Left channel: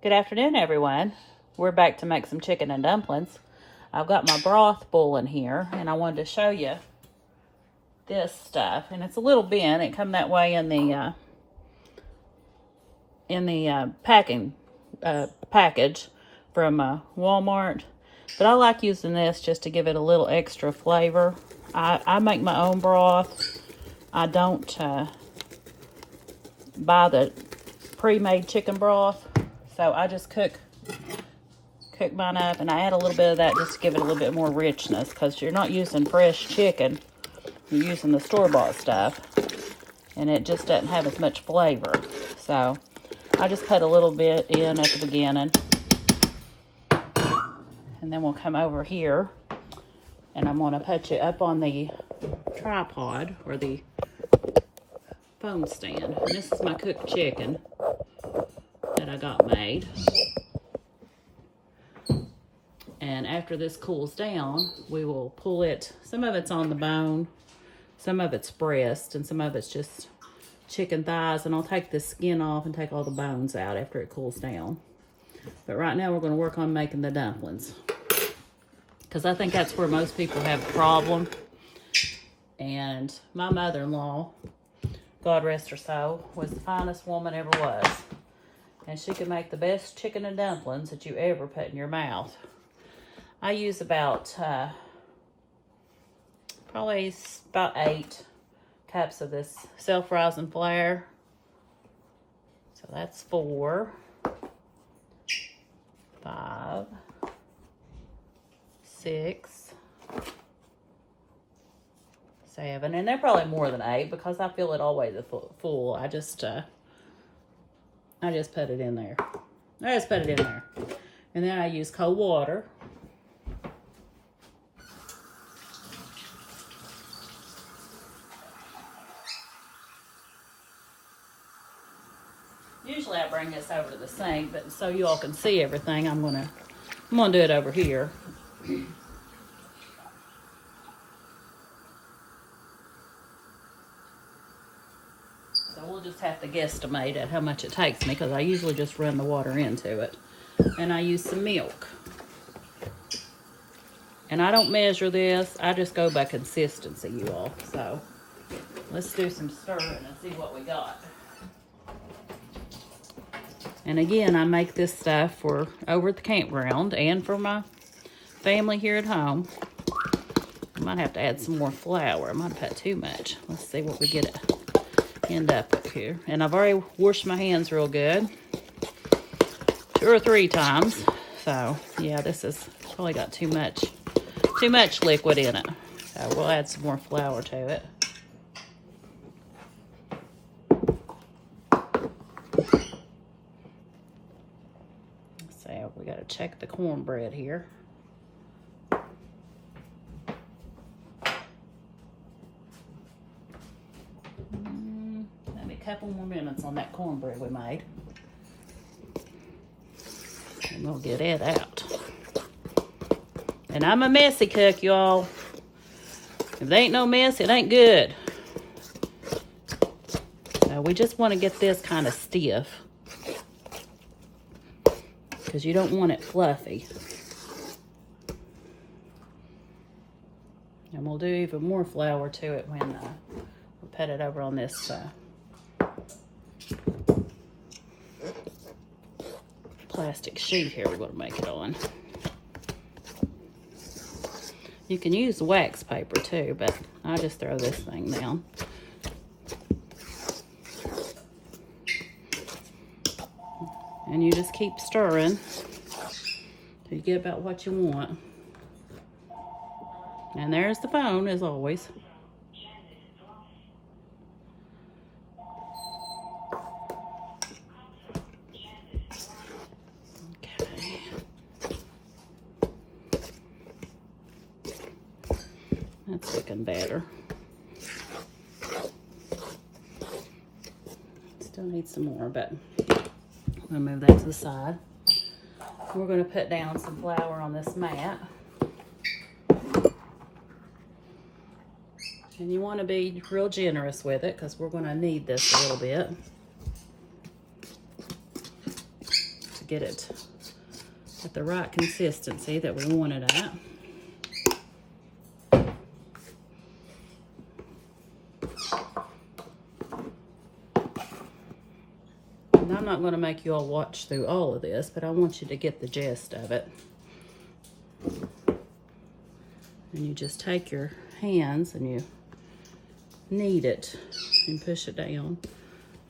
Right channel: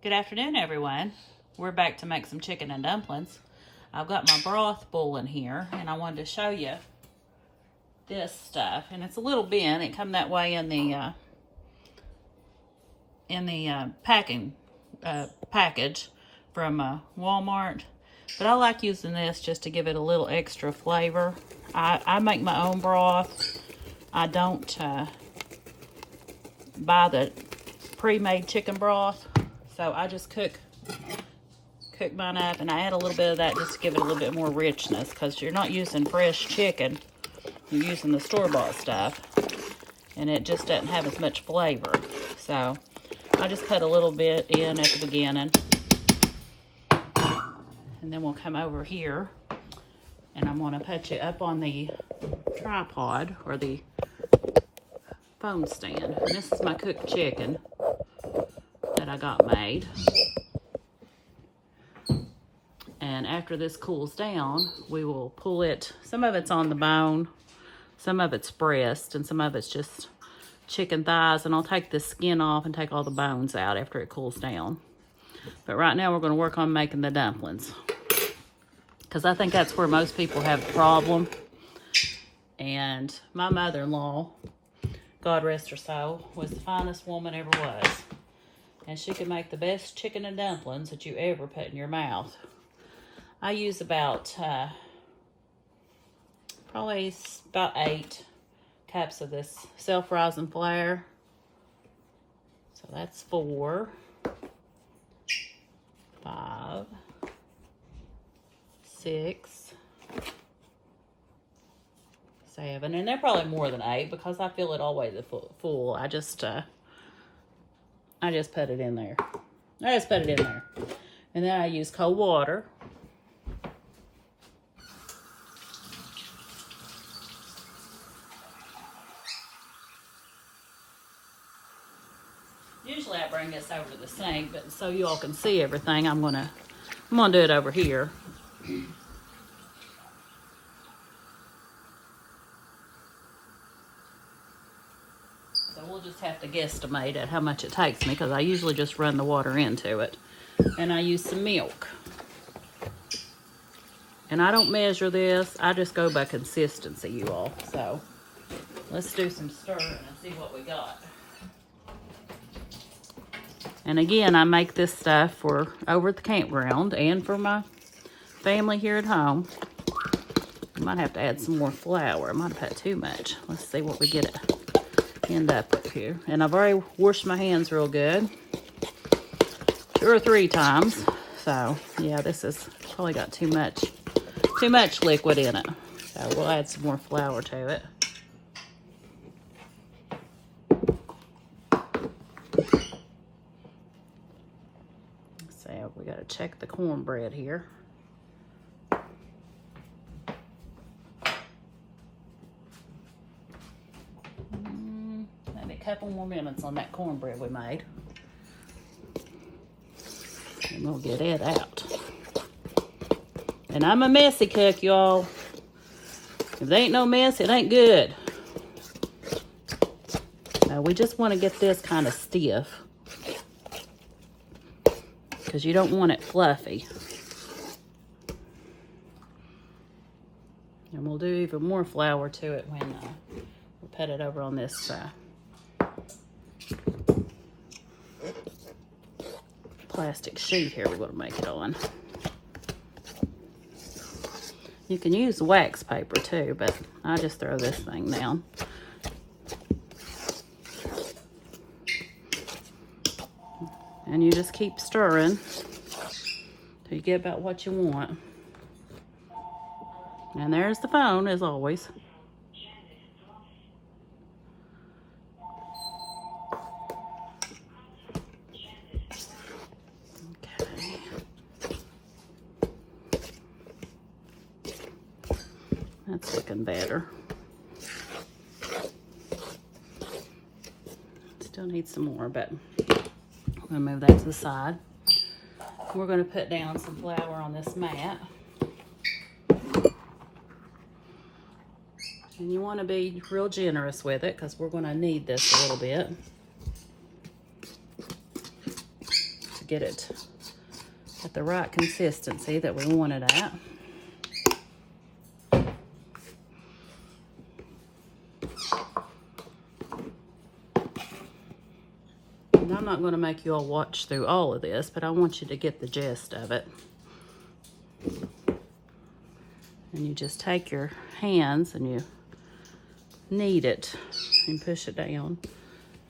Good afternoon, everyone. We're back to make some chicken and dumplings. I've got my broth boiling here, and I wanted to show you this stuff. And it's a little bin. It come that way in the package from Walmart. But I like using this just to give it a little extra flavor. I make my own broth. I don't buy the pre-made chicken broth. So I just cook mine up, and I add a little bit of that just to give it a little bit more richness, because you're not using fresh chicken, you're using the store-bought stuff, and it just doesn't have as much flavor. So I just put a little bit in at the beginning, and then we'll come over here, and I'm going to put you up on the tripod or the phone stand. And this is my cooked chicken that I got made. And after this cools down, we will pull it. Some of it's on the bone, some of it's breast, and some of it's just chicken thighs. And I'll take the skin off and take all the bones out after it cools down. But right now we're going to work on making the dumplings, because I think that's where most people have a problem. And my mother-in-law, God rest her soul, was the finest woman ever was. And she could make the best chicken and dumplings that you ever put in your mouth. I use about, probably about 8 cups of this self-rising flour. So that's 4, 5, 6, 7. And they're probably more than 8 because I fill it always full. I just put it in there. And then I use cold water. Usually I bring this over to the sink, but so you all can see everything, I'm gonna do it over here. So we'll just have to guesstimate at how much it takes me, because I usually just run the water into it. And I use some milk. And I don't measure this, I just go by consistency, you all. So let's do some stirring and see what we got. And again, I make this stuff for over at the campground and for my family here at home. I might have to add some more flour. I might have had too much. Let's see what we end up here. And I've already washed my hands real good, 2 or 3 times. So yeah, this is probably got too much liquid in it. So we'll add some more flour to it. So we got to check the cornbread here. Maybe a couple more minutes on that cornbread we made. And we'll get it out. And I'm a messy cook, y'all. If there ain't no mess, it ain't good. Now we just want to get this kind of stiff, because you don't want it fluffy. And we'll do even more flour to it when we put it over on this plastic sheet here we're going to make it on. You can use wax paper too, but I just throw this thing down. And you just keep stirring till you get about what you want. And there's the phone, as always. Okay. That's looking better. Still need some more, but I'm gonna move that to the side. We're gonna put down some flour on this mat. And you want to be real generous with it, because we're going to need this a little bit. get it at the right consistency that we want it at. And I'm not going to make you all watch through all of this, but I want you to get the gist of it. And you just take your hands and you knead it and push it down,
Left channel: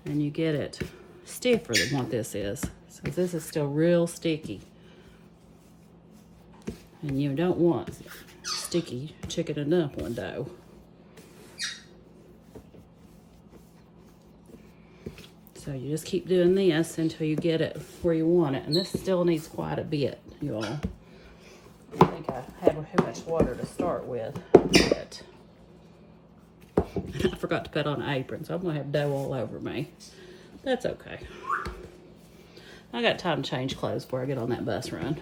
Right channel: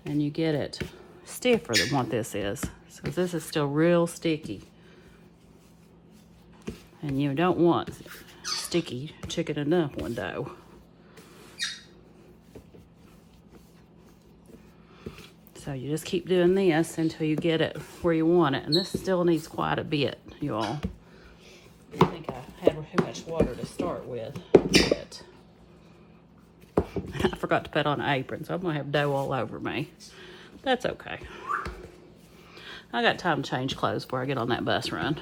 and you get it stiffer than what this is, because this is still real sticky. And you don't want sticky chicken and dumpling dough. So you just keep doing this until you get it where you want it. And this still needs quite a bit, you all. I think I had too much water to start with. But I forgot to put on an apron, so I'm gonna have dough all over me. That's okay. I got time to change clothes before I get on that bus run.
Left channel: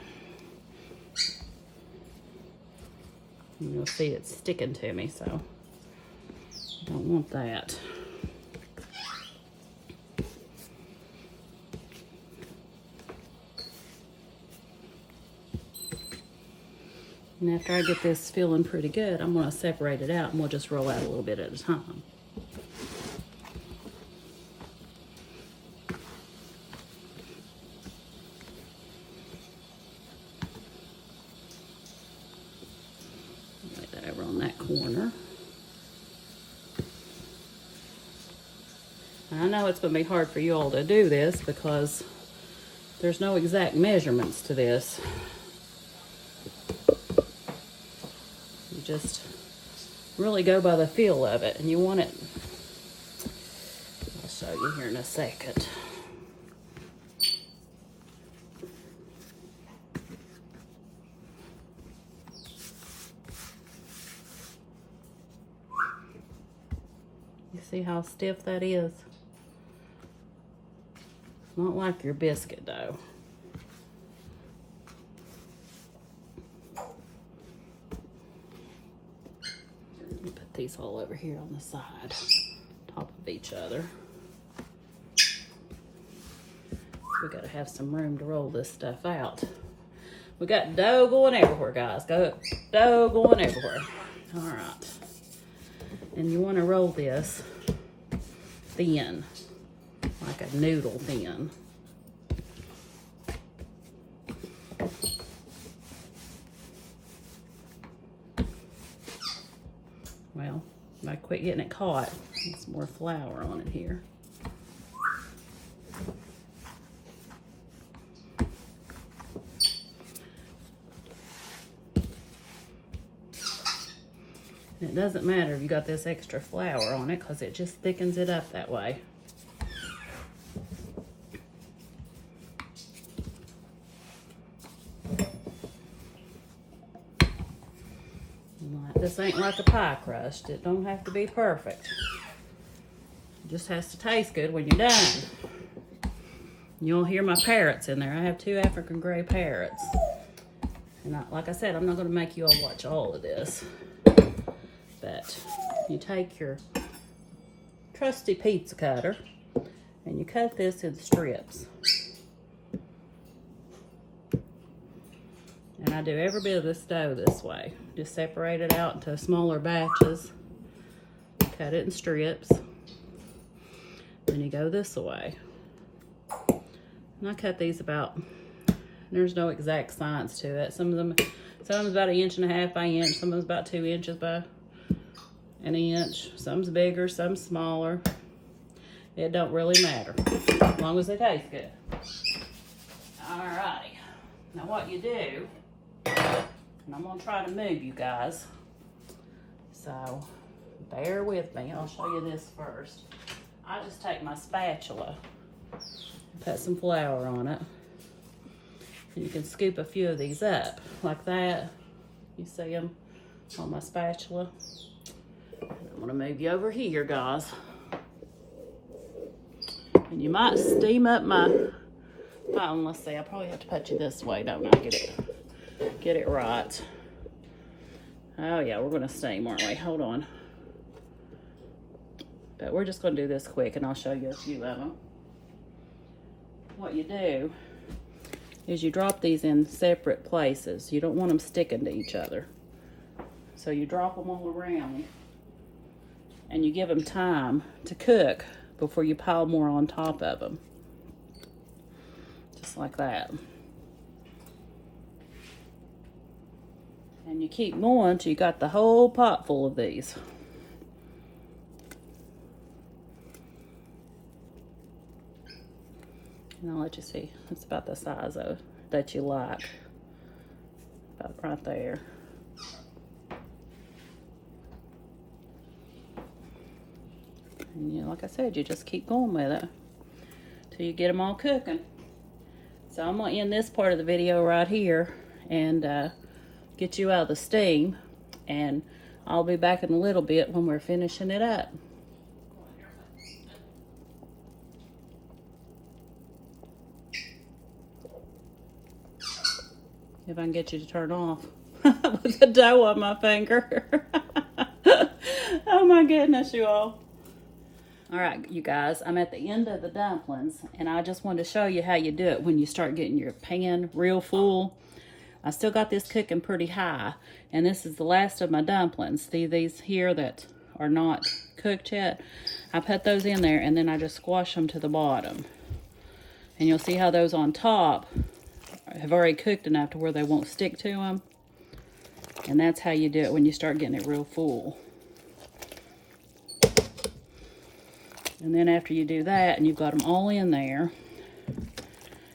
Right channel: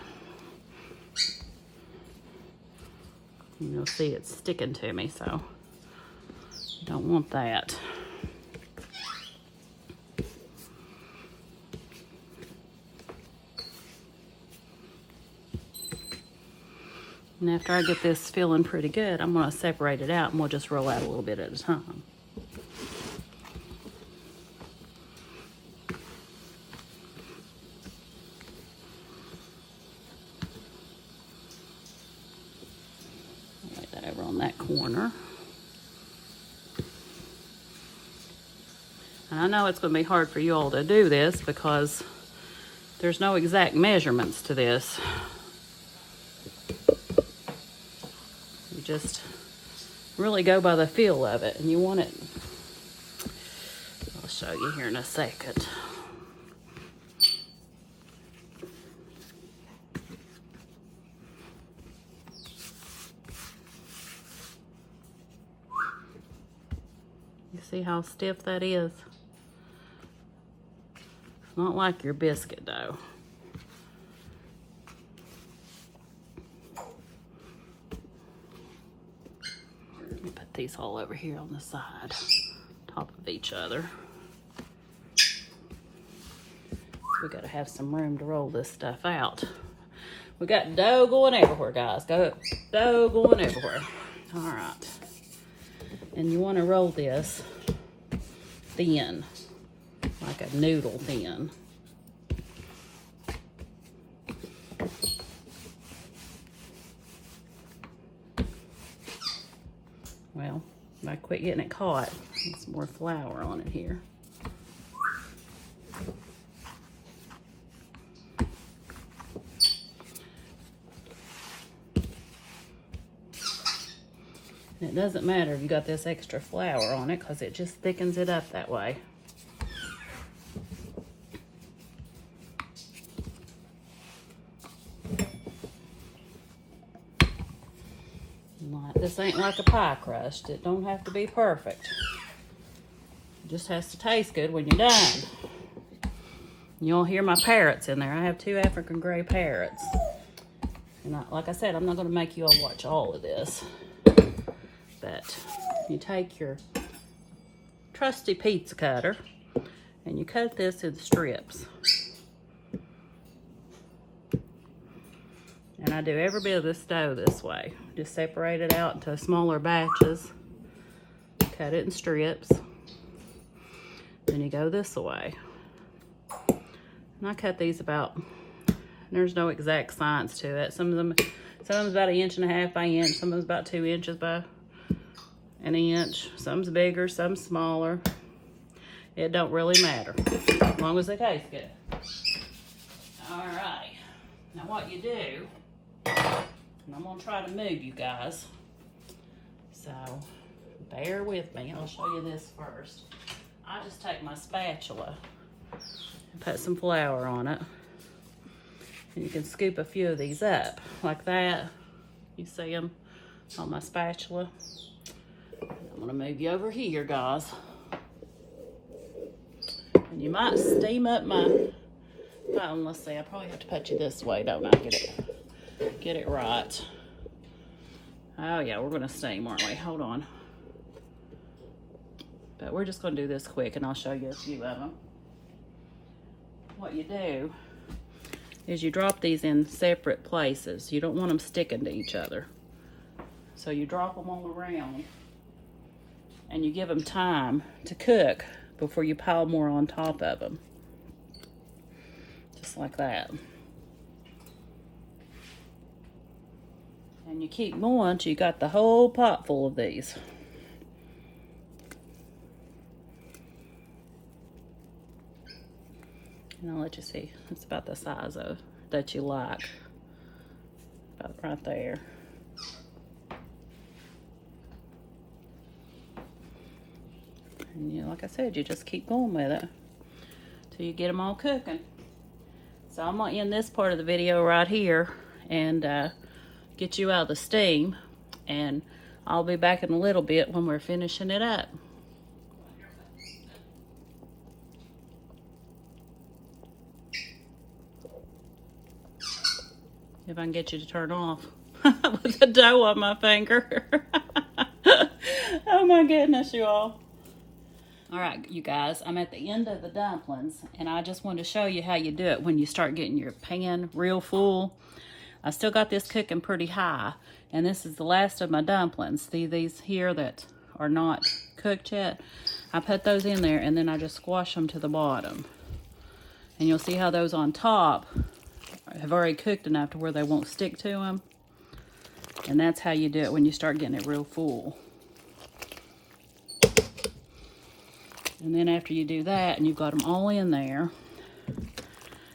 And you'll see it's sticking to me, so you don't want that. And after I get this feeling pretty good, I'm going to separate it out and we'll just roll out a little bit at a time. Lay that over on that corner. And I know it's going to be hard for you all to do this because there's no exact measurements to this. Just really go by the feel of it, and you want it. I'll show you here in a second. You see how stiff that is? It's not like your biscuit dough. These all over here on the side, top of each other. We gotta have some room to roll this stuff out. We got dough going everywhere, guys. Dough going everywhere. All right. And you wanna roll this thin, like a noodle thin. Well, if I quit getting it caught, there's some more flour on it here. And it doesn't matter if you got this extra flour on it because it just thickens it up that way. This ain't like a pie crust. It don't have to be perfect. It just has to taste good when you're done. You'll hear my parrots in there. I have 2 African gray parrots. And like I said, I'm not going to make you all watch all of this. But you take your trusty pizza cutter and you cut this in strips. And I do every bit of this dough this way. Just separate it out into smaller batches. Cut it in strips. Then you go this way. And I cut these about, there's no exact science to it. Some of them about 1.5 inches by inch. Some of them about 2 inches by an inch. Some's bigger, some smaller. It don't really matter, as long as they taste good. All right. Now what you do, and I'm gonna try to move you guys, so bear with me. I'll show you this first. I just take my spatula and put some flour on it. And you can scoop a few of these up like that. You see them on my spatula. I'm gonna move you over here, guys. And you might steam up my, well, let's see, I probably have to put you this way, don't I? Get it right. Oh yeah, we're gonna steam, aren't we? Hold on. But we're just gonna do this quick and I'll show you a few of them. What you do is you drop these in separate places. You don't want them sticking to each other. So you drop them all around and you give them time to cook before you pile more on top of them. Just like that. And you keep going till you got the whole pot full of these. And I'll let you see. It's about the size of that you like. About right there. And you know, like I said, you just keep going with it till you get them all cooking. So I'm gonna end this part of the video right here and get you out of the steam, and I'll be back in a little bit when we're finishing it up. If I can get you to turn off with the dough on my finger. Oh my goodness, you all. All right, you guys, I'm at the end of the dumplings, and I just wanted to show you how you do it when you start getting your pan real full. I still got this cooking pretty high, and this is the last of my dumplings. See these here that are not cooked yet? I put those in there, and then I just squash them to the bottom. And you'll see how those on top have already cooked enough to where they won't stick to them. And that's how you do it when you start getting it real full. And then after you do that, and you've got them all in there,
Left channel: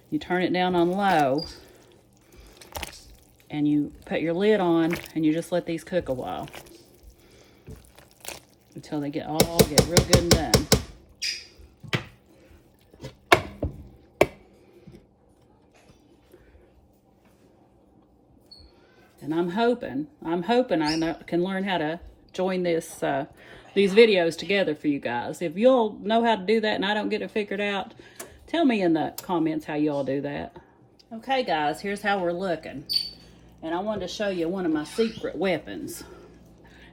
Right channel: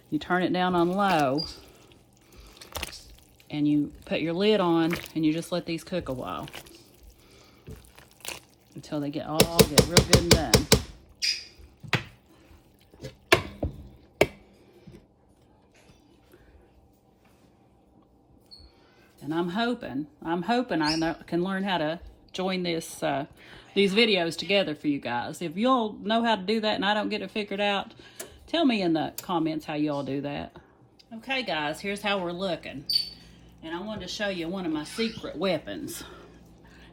you turn it down on low, and you put your lid on, and you just let these cook a while until they get real good and done. And I'm hoping I can learn how to join this these videos together for you guys. If y'all know how to do that and I don't get it figured out, tell me in the comments how y'all do that. Okay guys, here's how we're looking. And I wanted to show you one of my secret weapons.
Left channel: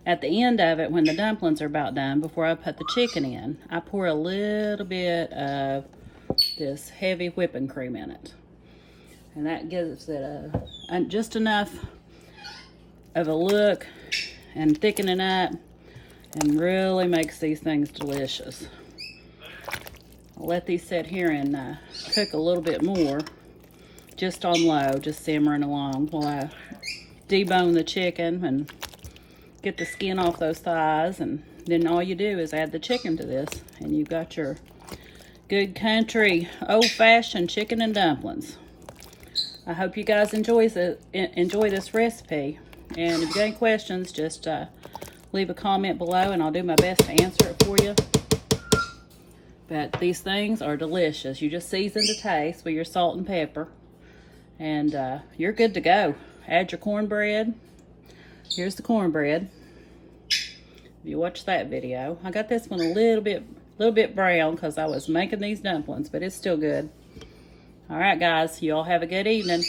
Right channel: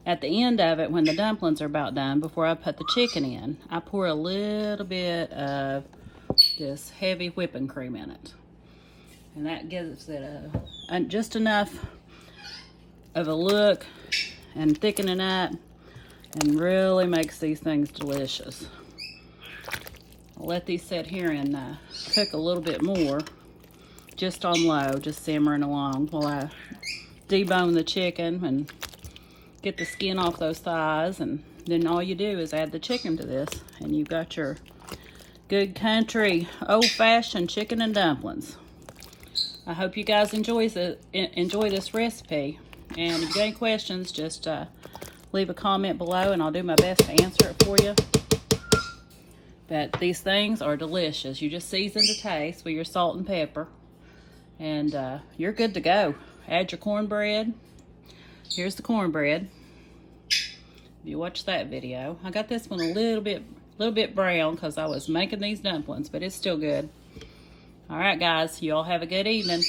At the end of it, when the dumplings are about done, before I put the chicken in, I pour a little bit of this heavy whipping cream in it. And that gives it just enough of a look and thicken it up, and really makes these things delicious. I'll let these sit here and cook a little bit more, just on low, just simmering along while I debone the chicken and get the skin off those thighs. And then all you do is add the chicken to this, and you've got your good country old-fashioned chicken and dumplings. I hope you guys enjoy this recipe. And if you got any questions, just leave a comment below and I'll do my best to answer it for you. But these things are delicious. You just season to taste with your salt and pepper, and you're good to go. Add your cornbread. Here's the cornbread. If you watch that video, I got this one a little bit brown because I was making these dumplings, but it's still good. All right, guys, you all have a good evening.